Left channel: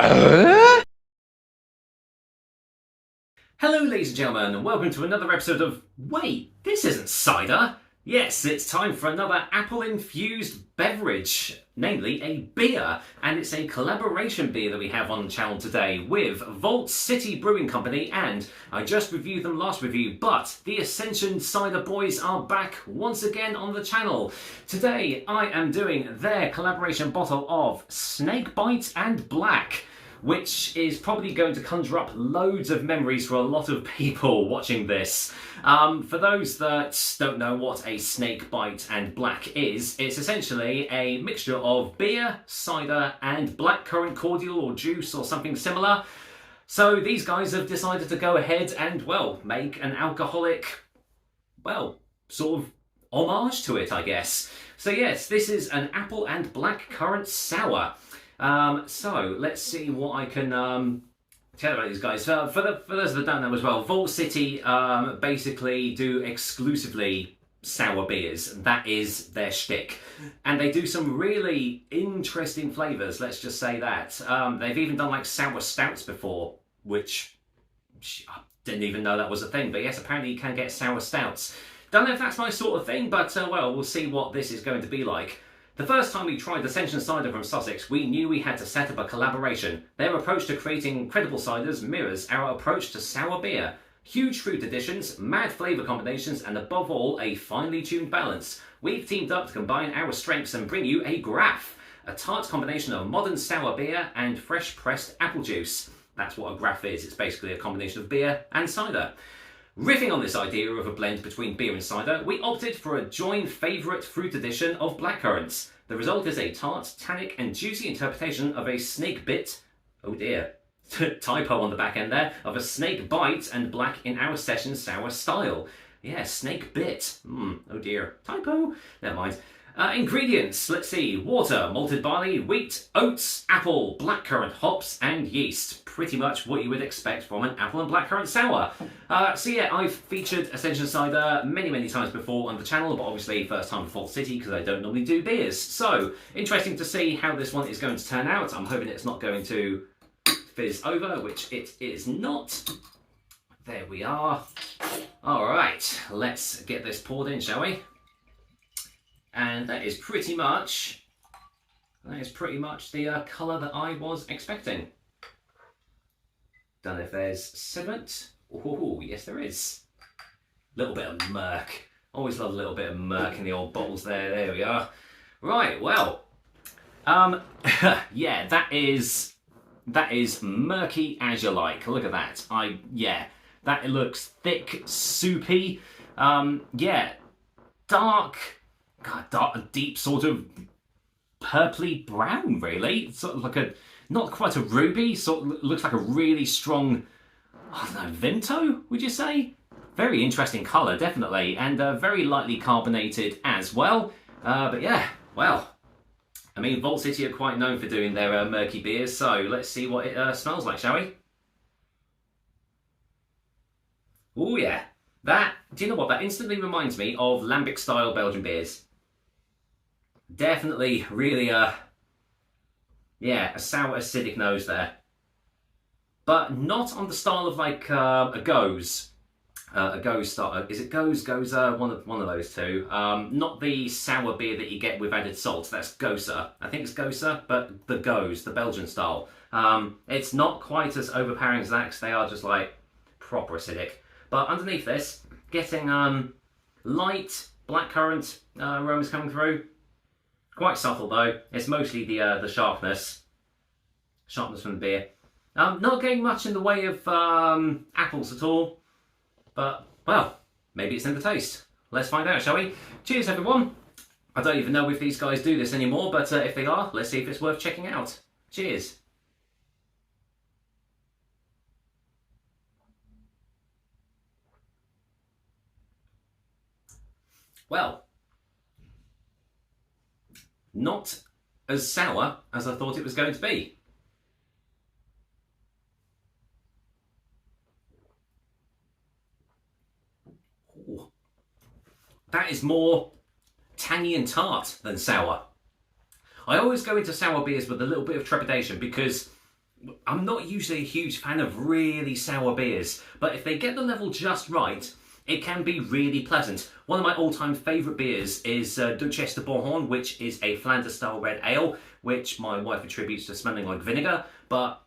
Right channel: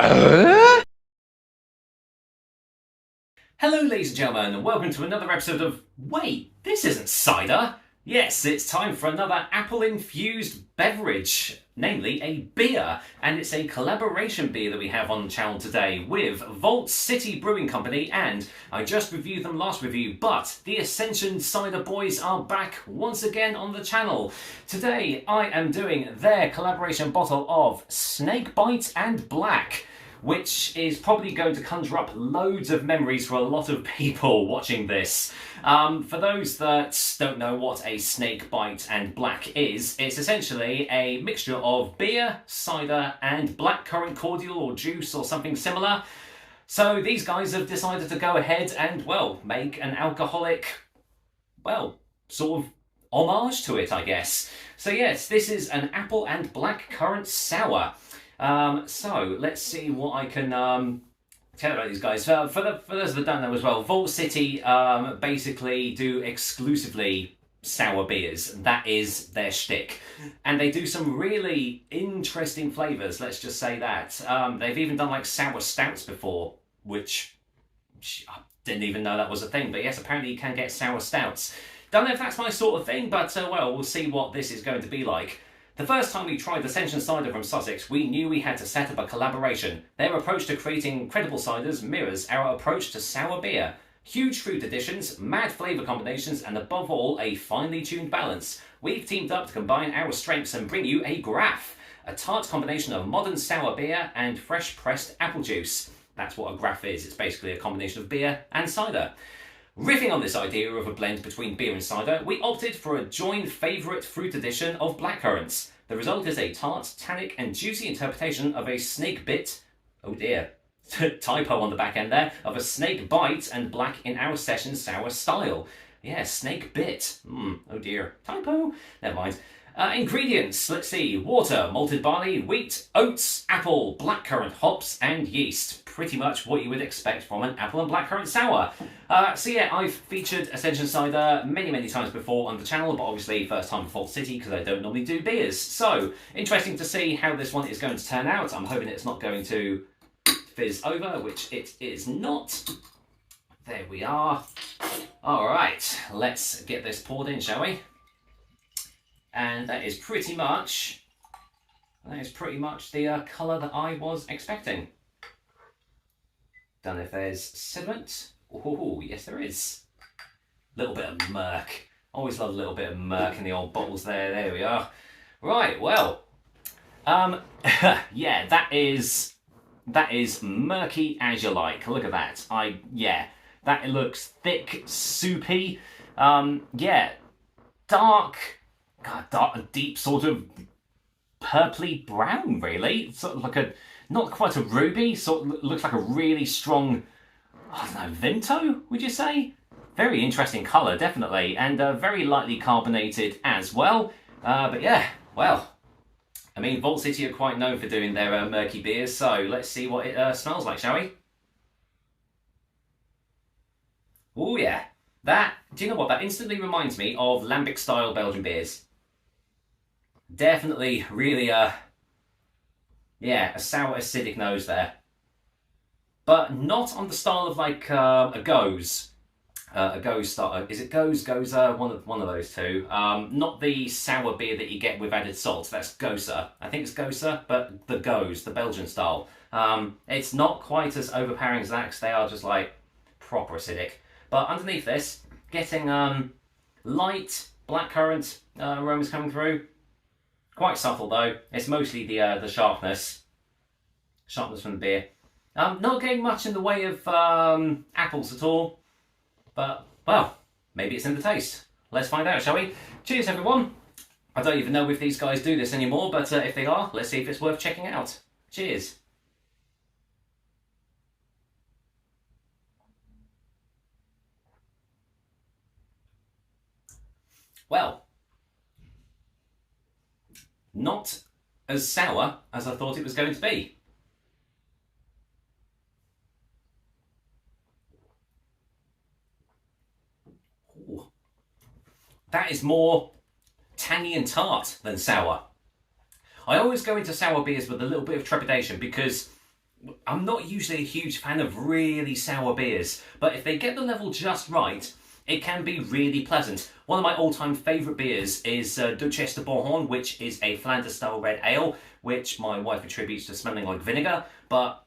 Hello ladies and gentlemen, and welcome to another episode of Wait, this isn't cider! Yes, it's time for another apple-infused beverage, namely a beer, and it's a collaboration beer that we have on the channel today with Vault City Brewing Company, and I just reviewed them last review, but the Ascension Cider boys are back once again on the channel. Today I am doing their collaboration bottle of Snakebite and Black, which is probably going to conjure up loads of memories for a lot of people watching this. For those that don't know what a Snakebite and Black is, it's essentially a mixture of beer, cider, and blackcurrant cordial or juice or something similar. So these guys have decided to go ahead and, well, make an alcoholic, well, sort of homage to it, I guess. So yes, this is an apple and blackcurrant sour. So let's see what I can tell about these guys. For those that don't know as well, Vault City basically do exclusively sour beers. That is their shtick. And they do some really interesting flavours, let's just say that. They've even done like sour stouts before, which I didn't even know that was a thing. But yes, apparently you can get sour stouts. Don't know if that's my sort of thing, but well, we'll see what this is going to be like. The first time we tried Ascension Cider from Sussex, we knew we had to set up a collaboration. Their approach to creating credible ciders mirrors our approach to sour beer. Huge fruit additions, mad flavour combinations, and above all, a finely tuned balance. We've teamed up to combine our strengths and bring you a graph, a tart combination of modern sour beer and fresh pressed apple juice. That's what a graph is. It's basically a combination of beer and cider. Riffing on this idea of a blend between beer and cider, we opted for a joint favourite fruit addition of blackcurrants. The result is a tart, tannic and juicy interpretation of a snake bit, oh dear, typo on the back end there, of a snake bite and black in our session sour style. Yeah, snake bit, oh dear, typo, never mind. Ingredients, let's see, water, malted barley, wheat, oats, apple, blackcurrant, hops and yeast. Pretty much what you would expect from an apple and blackcurrant sour. So yeah, I've featured Ascension Cider many times before on the channel, but obviously first time for Vault City because I don't normally do beers. So, interesting to see how this one is going to turn out. I'm hoping it's not going to fizz over, which it is not. There we are. Alright, let's get this poured in, shall we? And that is pretty much the colour that I was expecting. Don't know if there's sediment. Oh, yes there is. A little bit of murk. Always love a little bit of murk in the old bottles there. There we are. Right, well. Yeah, that is murky as you like. Look at that. That looks thick, soupy. Yeah, dark, deep sort of purpley brown, really. Sort of like not quite a ruby, sort of looks like a really strong, I don't know, Vimto, would you say? Very interesting colour, definitely, and very lightly carbonated as well. But yeah, well, I mean, Vault City are quite known for doing their murky beers, so let's see what it smells like, shall we? Oh yeah, do you know what, that instantly reminds me of Lambic-style Belgian beers. Definitely, really, yeah, a sour, acidic nose there. But not on the style of like a Goes. A Goes style. Is it Goes? Goza? One of those two. Not the sour beer that you get with added salt. That's Goza. I think it's Goza, but the Goes, the Belgian style. It's not quite as overpowering as that because they are just like proper acidic. But underneath this, getting light blackcurrant aromas coming through. Quite subtle though. It's mostly the sharpness from the beer. Not getting much in the way of apples at all. But, well, maybe it's in the taste. Let's find out, shall we? Cheers, everyone. I don't even know if these guys do this anymore, but if they are, let's see if it's worth checking out. Cheers. Well, not as sour as I thought it was going to be. Ooh. That is more tangy and tart than sour. I always go into sour beers with a little bit of trepidation because I'm not usually a huge fan of really sour beers, but if they get the level just right, it can be really pleasant. One of my all-time favourite beers is Duchesse de Bourgogne, which is a Flanders-style red ale, which my wife attributes to smelling like vinegar, but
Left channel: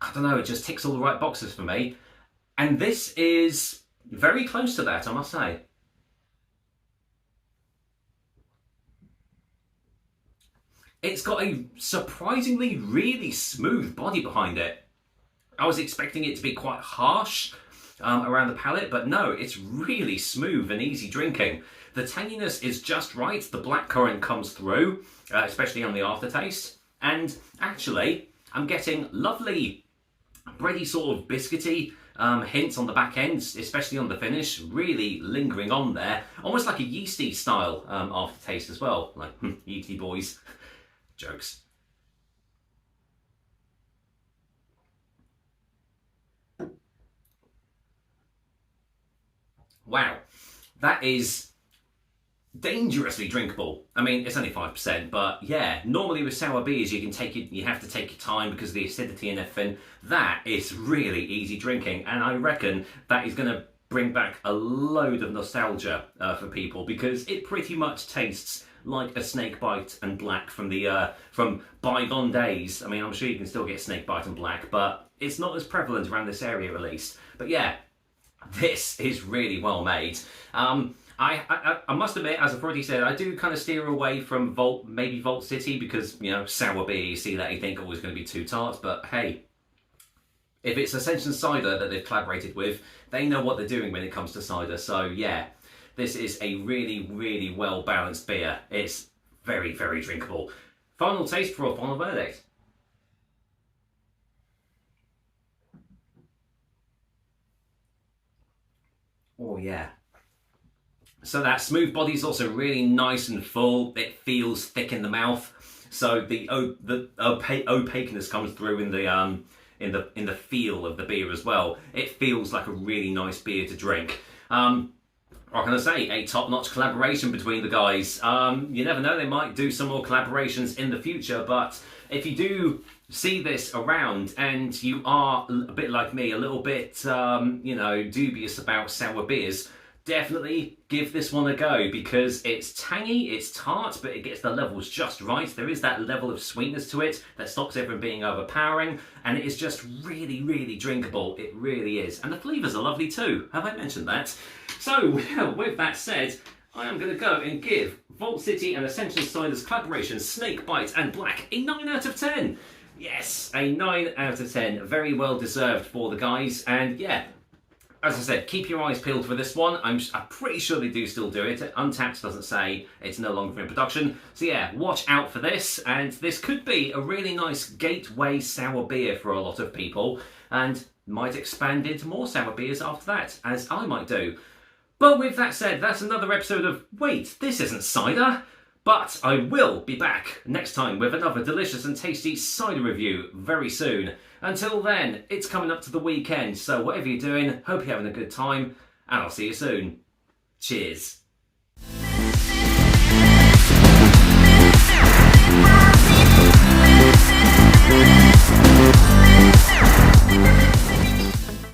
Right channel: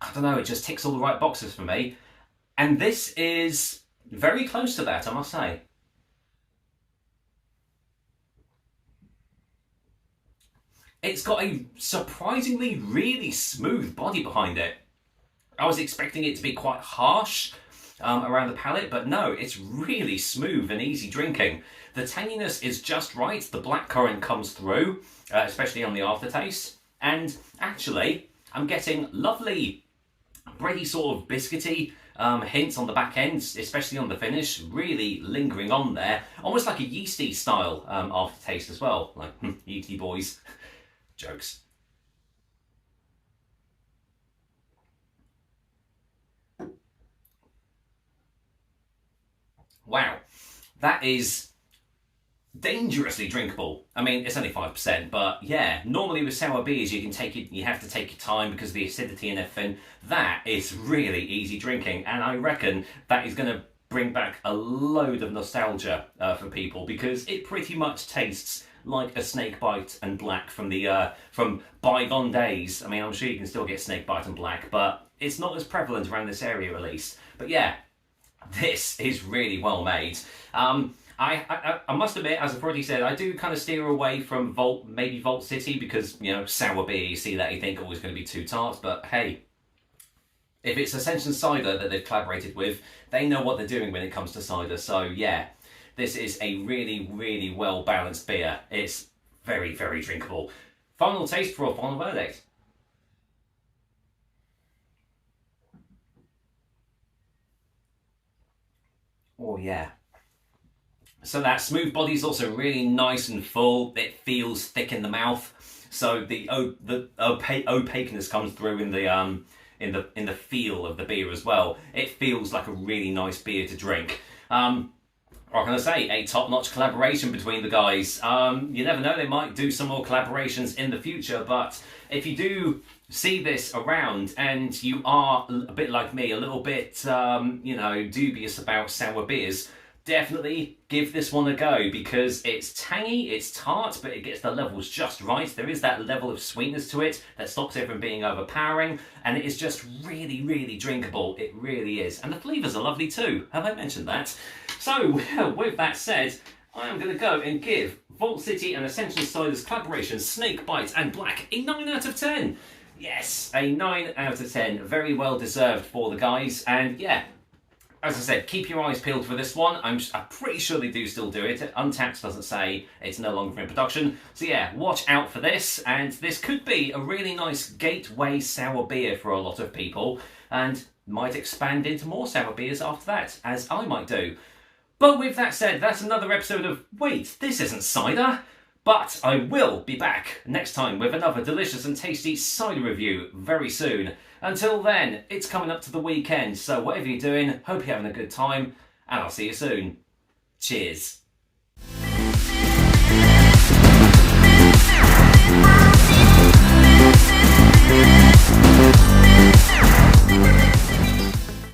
I don't know, it just ticks all the right boxes for me. And this is very close to that, I must say. It's got a surprisingly really smooth body behind it. I was expecting it to be quite harsh around the palate, but no, it's really smooth and easy drinking. The tanginess is just right. The blackcurrant comes through, especially on the aftertaste. And actually, I'm getting lovely, bready sort of biscuity hints on the back end, especially on the finish, really lingering on there. Almost like a yeasty style aftertaste as well. Like, yeasty boys. Jokes. Wow, that is dangerously drinkable. I mean, it's only 5%, but yeah, normally with sour beers you have to take your time because of the acidity and everything. That is really easy drinking, and I reckon that is going to bring back a load of nostalgia for people, because it pretty much tastes like a Snakebite and Black from bygone days. I mean, I'm sure you can still get Snakebite and Black, but it's not as prevalent around this area at least. But yeah, this is really well made. I must admit, as I've already said, I do kind of steer away from maybe Vault City, because, you know, sour beer, you see that, you think, oh, it's going to be too tart. But hey, if it's Ascension Cider that they've collaborated with, they know what they're doing when it comes to cider. So yeah, this is a really, really well-balanced beer. It's very, very drinkable. Final taste for a final verdict. Oh yeah. So that smooth body is also really nice and full. It feels thick in the mouth. So the opaqueness comes through in the feel of the beer as well. It feels like a really nice beer to drink. What can I say? A top-notch collaboration between the guys. You never know, they might do some more collaborations in the future, but if you do see this around and you are a bit like me, a little bit, you know, dubious about sour beers, definitely give this one a go, because it's tangy, it's tart, but it gets the levels just right. There is that level of sweetness to it that stops it from being overpowering, and it is just really, really drinkable. It really is. And the flavours are lovely too. Have I mentioned that? So, with that said, I am going to go and give Vault City and Ascension Cider's collaboration, Snakebite and Black, a 9 out of 10. Yes, a 9 out of 10. Very well deserved for the guys. And yeah, as I said, keep your eyes peeled for this one. I'm pretty sure they do still do it. Untapped doesn't say it's no longer in production. So yeah, watch out for this. And this could be a really nice gateway sour beer for a lot of people, and might expand into more sour beers after that, as I might do. But with that said, that's another episode of Wait, This Isn't Cider. But I will be back next time with another delicious and tasty cider review very soon. Until then, it's coming up to the weekend, so whatever you're doing, hope you're having a good time, and I'll see you soon. Cheers.